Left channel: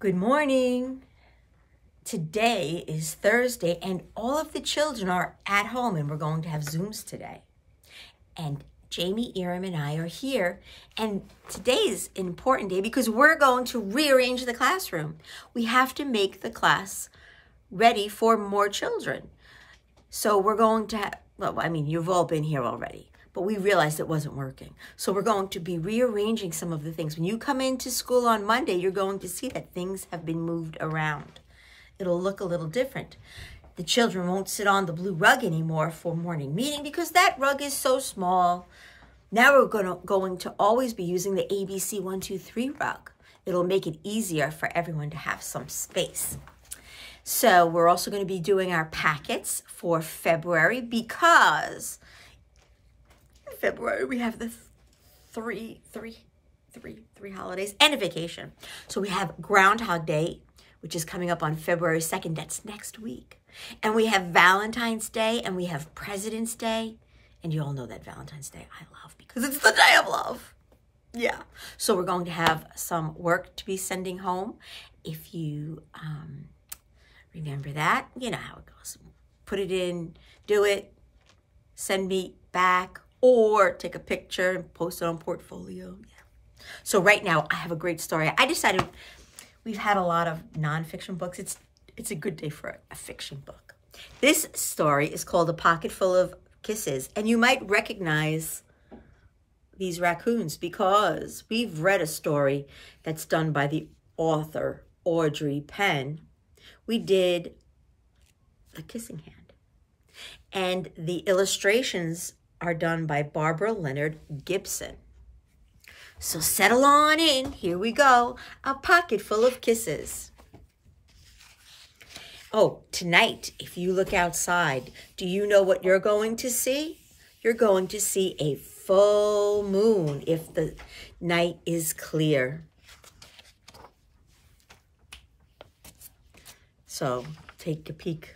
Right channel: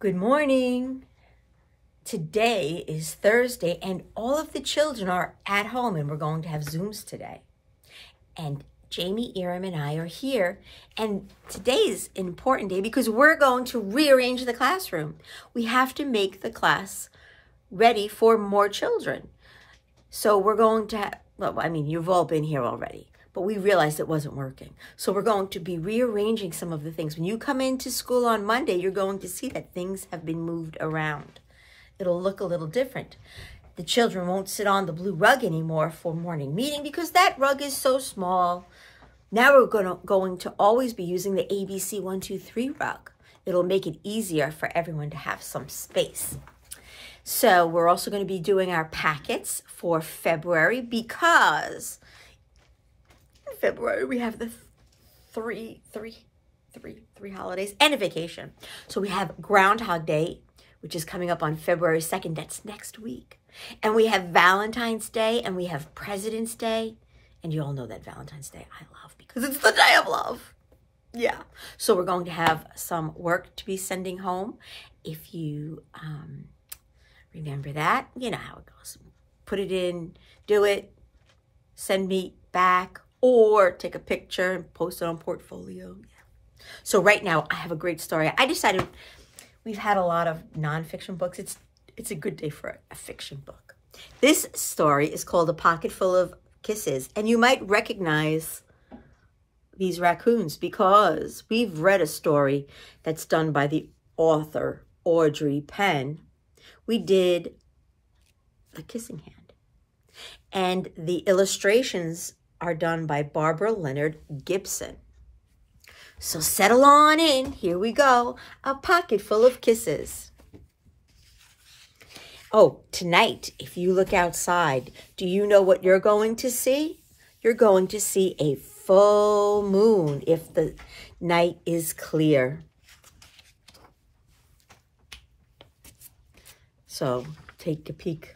Good morning. Today is Thursday and all of the children are at home and we're going to have Zooms today. And Jamie, Iram, and I are here. And today is an important day because we're going to rearrange the classroom. We have to make the class ready for more children. So we're going to, you've all been here already, but we realized it wasn't working. So we're going to be rearranging some of the things. When you come into school on Monday, you're going to see that things have been moved around. It'll look a little different. The children won't sit on the blue rug anymore for morning meeting because that rug is so small. Now we're going to always be using the ABC 1, 2, 3 rug. It'll make it easier for everyone to have some space. So we're also going to be doing our packets for February because in February we have the three holidays and a vacation. So we have Groundhog Day, which is coming up on February 2nd. That's next week. And we have Valentine's Day and we have President's Day. And you all know that Valentine's Day I love because it's the day of love. Yeah. So we're going to have some work to be sending home. If you remember that, you know how it goes. Put it in, do it, send me back, or take a picture and post it on Portfolio. Yeah. So right now I have a great story. I decided we've had a lot of nonfiction books. It's a good day for a fiction book. This story is called A Pocket Full of Kisses, and you might recognize these raccoons because we've read a story that's done by the author, Audrey Penn. We did The Kissing Hand, and the illustrations are done by Barbara Leonard Gibson. So settle on in. Here we go. A Pocket Full of Kisses. Oh, tonight, if you look outside, do you know what you're going to see? You're going to see a full moon if the night is clear. So take a peek.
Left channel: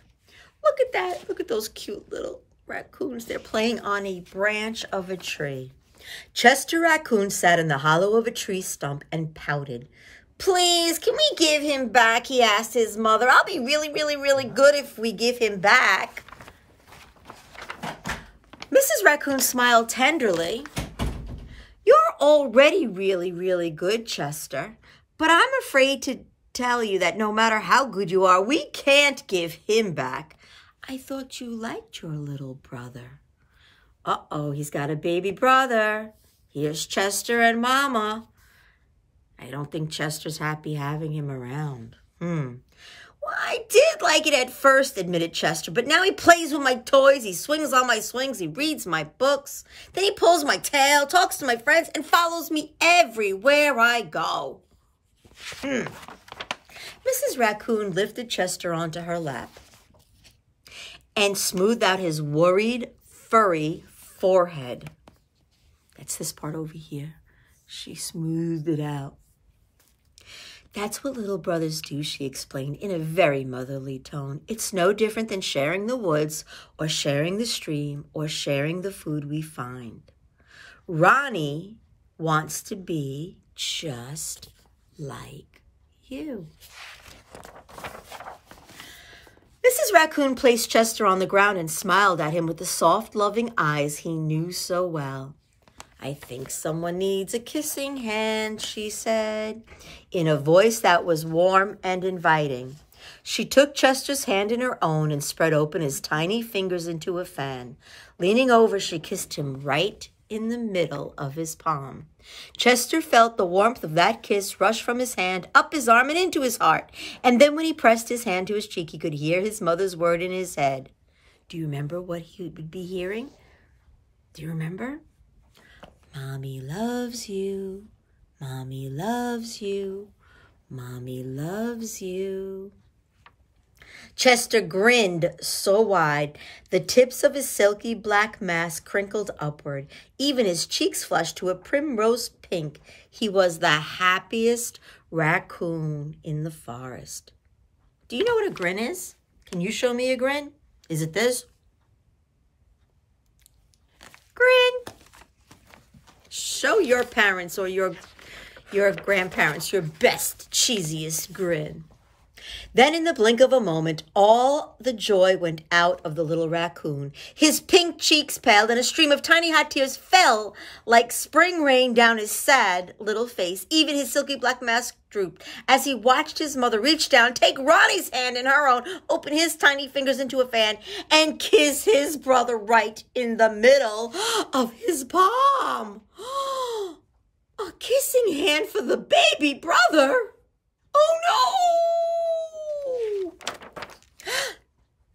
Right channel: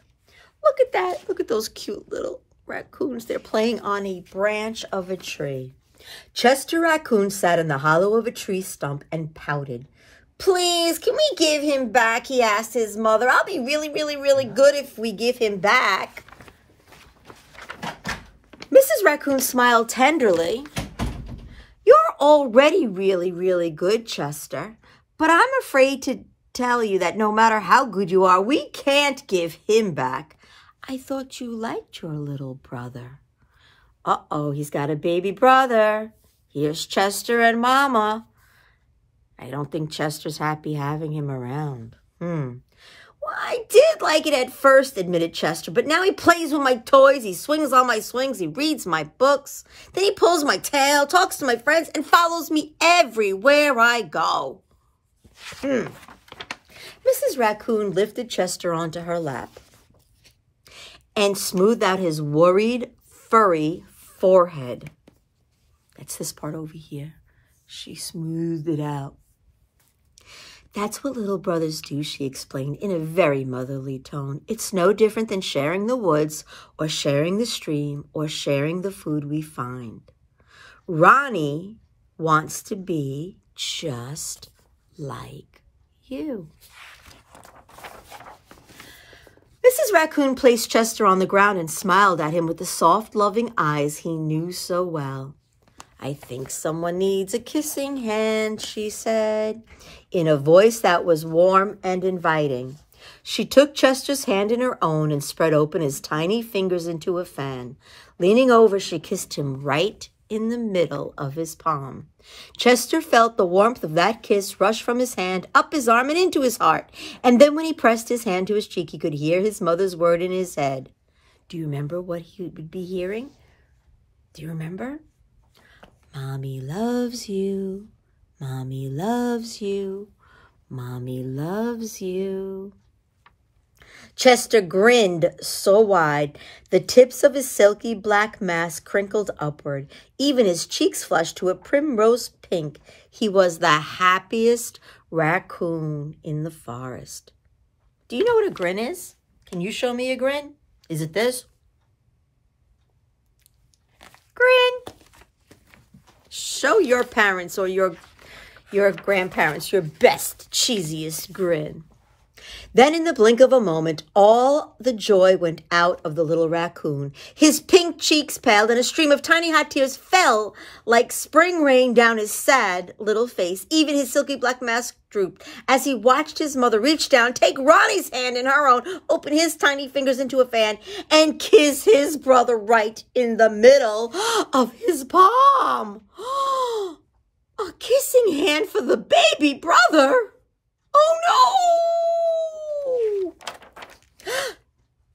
Look at that. Look at those cute little raccoons. They're playing on a branch of a tree. Chester Raccoon sat in the hollow of a tree stump and pouted. "Please, can we give him back?" he asked his mother. "I'll be really, really, really good if we give him back." Mrs. Raccoon smiled tenderly. "You're already really, really good, Chester, but I'm afraid to tell you that no matter how good you are, we can't give him back. I thought you liked your little brother." Uh-oh, he's got a baby brother. Here's Chester and Mama. I don't think Chester's happy having him around. Well, I did like it at first, admitted Chester, but now he plays with my toys, he swings on my swings, he reads my books, then he pulls my tail, talks to my friends, and follows me everywhere I go. Mrs. Raccoon lifted Chester onto her lap and smoothed out his worried, furry forehead. That's this part over here. She smoothed it out. "That's what little brothers do," she explained in a very motherly tone. "It's no different than sharing the woods or sharing the stream or sharing the food we find. Ronnie wants to be just like you." Mrs. Raccoon placed Chester on the ground and smiled at him with the soft, loving eyes he knew so well. "I think someone needs a kissing hand," she said, in a voice that was warm and inviting. She took Chester's hand in her own and spread open his tiny fingers into a fan. Leaning over, she kissed him right in the middle of his palm. Chester felt the warmth of that kiss rush from his hand, up his arm and into his heart. And then when he pressed his hand to his cheek, he could hear his mother's word in his head. Do you remember what he would be hearing? Do you remember? "Mommy loves you. Mommy loves you. Mommy loves you." Chester grinned so wide, the tips of his silky black mask crinkled upward. Even his cheeks flushed to a primrose pink. He was the happiest raccoon in the forest. Do you know what a grin is? Can you show me a grin? Is it this? Grin. Show your parents or your your grandparents your best, cheesiest grin. Then in the blink of a moment, all the joy went out of the little raccoon. His pink cheeks paled and a stream of tiny hot tears fell like spring rain down his sad little face. Even his silky black mask drooped as he watched his mother reach down, take Ronnie's hand in her own, open his tiny fingers into a fan, and kiss his brother right in the middle of his palm. A kissing hand for the baby brother. Oh, no!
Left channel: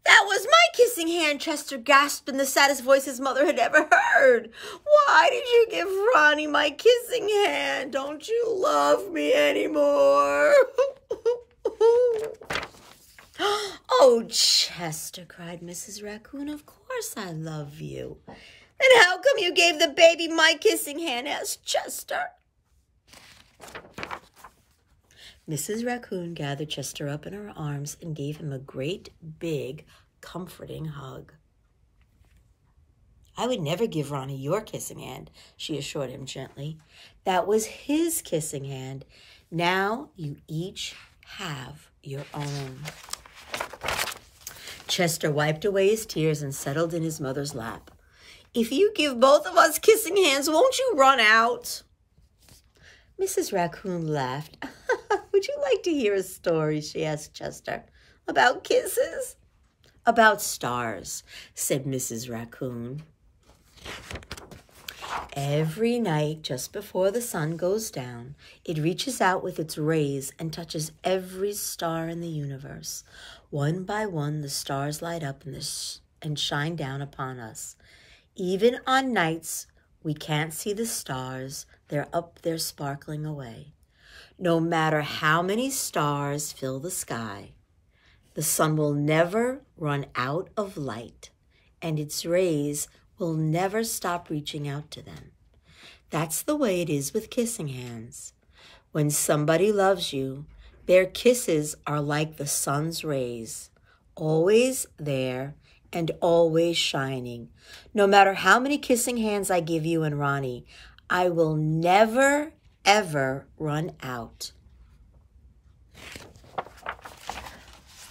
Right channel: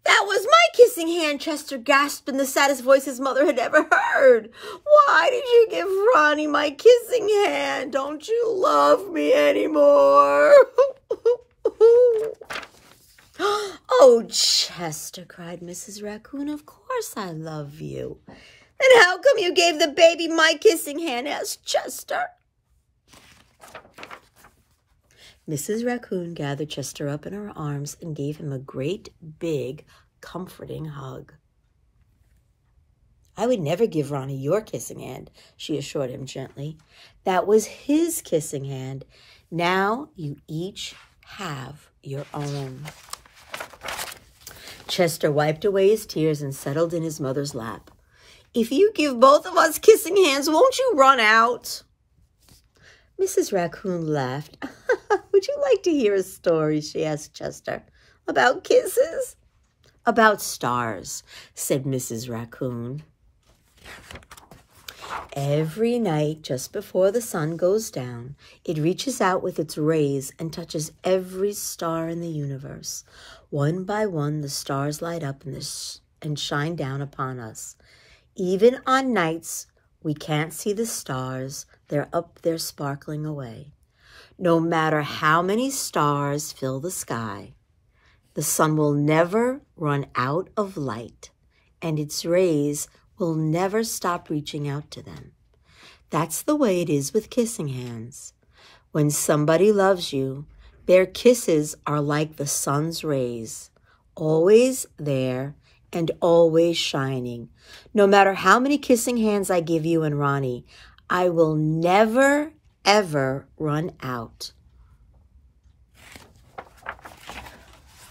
That was my kissing hand, Chester gasped in the saddest voice his mother had ever heard. Why did you give Ronnie my kissing hand? Don't you love me anymore? Oh, Chester, cried Mrs. Raccoon, of course I love you. And how come you gave the baby my kissing hand? Asked Chester. Mrs. Raccoon gathered Chester up in her arms and gave him a great, big, comforting hug. I would never give Ronnie your kissing hand, she assured him gently. That was his kissing hand. Now you each have your own. Chester wiped away his tears and settled in his mother's lap. If you give both of us kissing hands, won't you run out? Mrs. Raccoon laughed. Would you like to hear a story, she asked Chester. About kisses? About stars, said Mrs. Raccoon. Every night, just before the sun goes down, it reaches out with its rays and touches every star in the universe. One by one, the stars light up and shine down upon us. Even on nights we can't see the stars, they're up there sparkling away. No matter how many stars fill the sky, the sun will never run out of light, and its rays will never stop reaching out to them. That's the way it is with kissing hands. When somebody loves you, their kisses are like the sun's rays, always there and always shining. No matter how many kissing hands I give you and Ronnie, I will never, ever run out.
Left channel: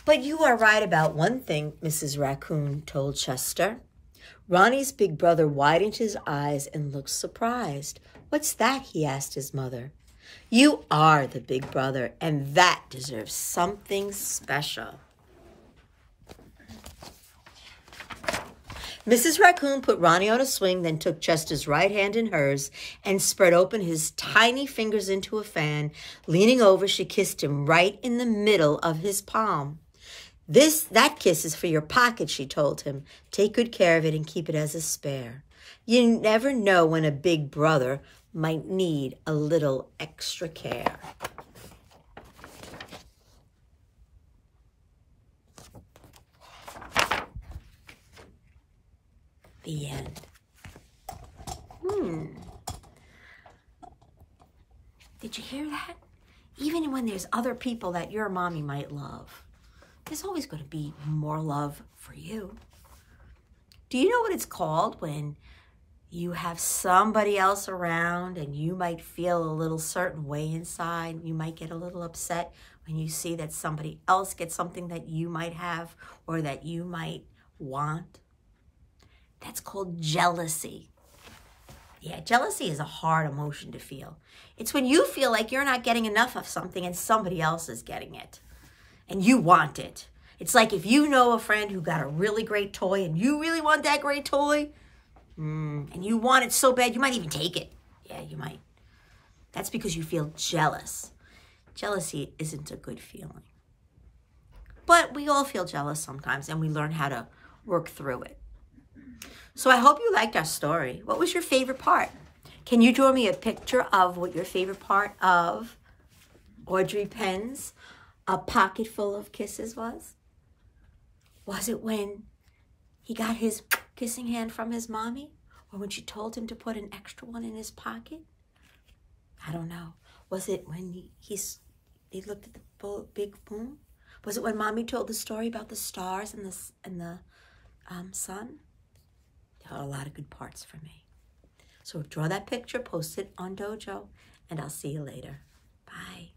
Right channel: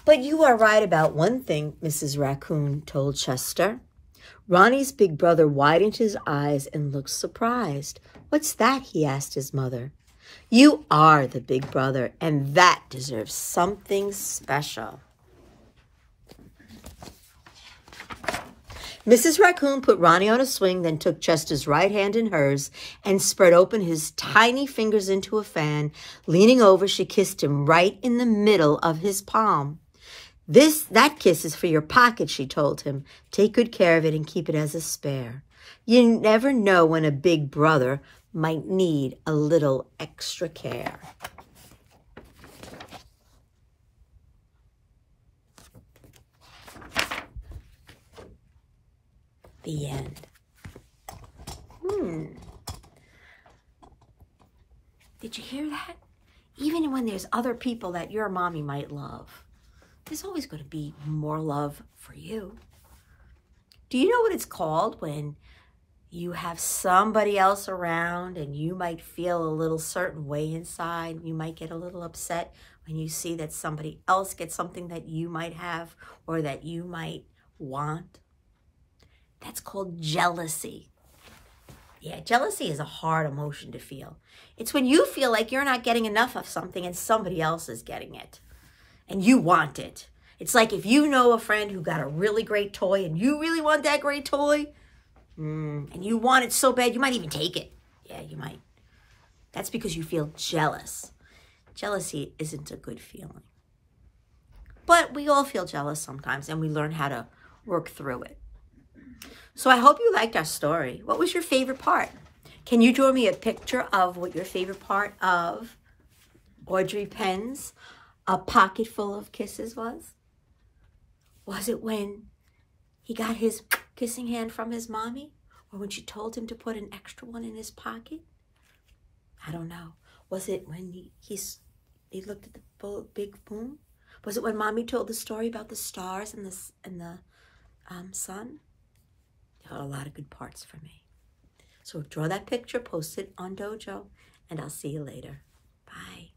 But you are right about one thing, Mrs. Raccoon told Chester. Ronnie's big brother widened his eyes and looked surprised. What's that? He asked his mother. You are the big brother, and that deserves something special. Mrs. Raccoon put Ronnie on a swing, then took Chester's right hand in hers and spread open his tiny fingers into a fan. Leaning over, she kissed him right in the middle of his palm. That kiss is for your pocket, she told him. Take good care of it and keep it as a spare. You never know when a big brother might need a little extra care. The end. Did you hear that? Even when there's other people that your mommy might love, there's always going to be more love for you. Do you know what it's called when you have somebody else around and you might feel a little certain way inside? You might get a little upset when you see that somebody else gets something that you might have or that you might want. That's called jealousy. Yeah, jealousy is a hard emotion to feel. It's when you feel like you're not getting enough of something and somebody else is getting it and you want it. It's like if you know a friend who got a really great toy and you really want that great toy and you want it so bad, you might even take it. Yeah, you might. That's because you feel jealous. Jealousy isn't a good feeling. But we all feel jealous sometimes and we learn how to work through it. So I hope you liked our story. What was your favorite part? Can you draw me a picture of what your favorite part of Audrey Penn's A Pocket Full of Kisses was? Was it when he got his kissing hand from his mommy? Or when she told him to put an extra one in his pocket? I don't know. Was it when he looked at the big moon? Was it when mommy told the story about the stars and the sun? There are a lot of good parts for me. So draw that picture, post it on Dojo, and I'll see you later. Bye.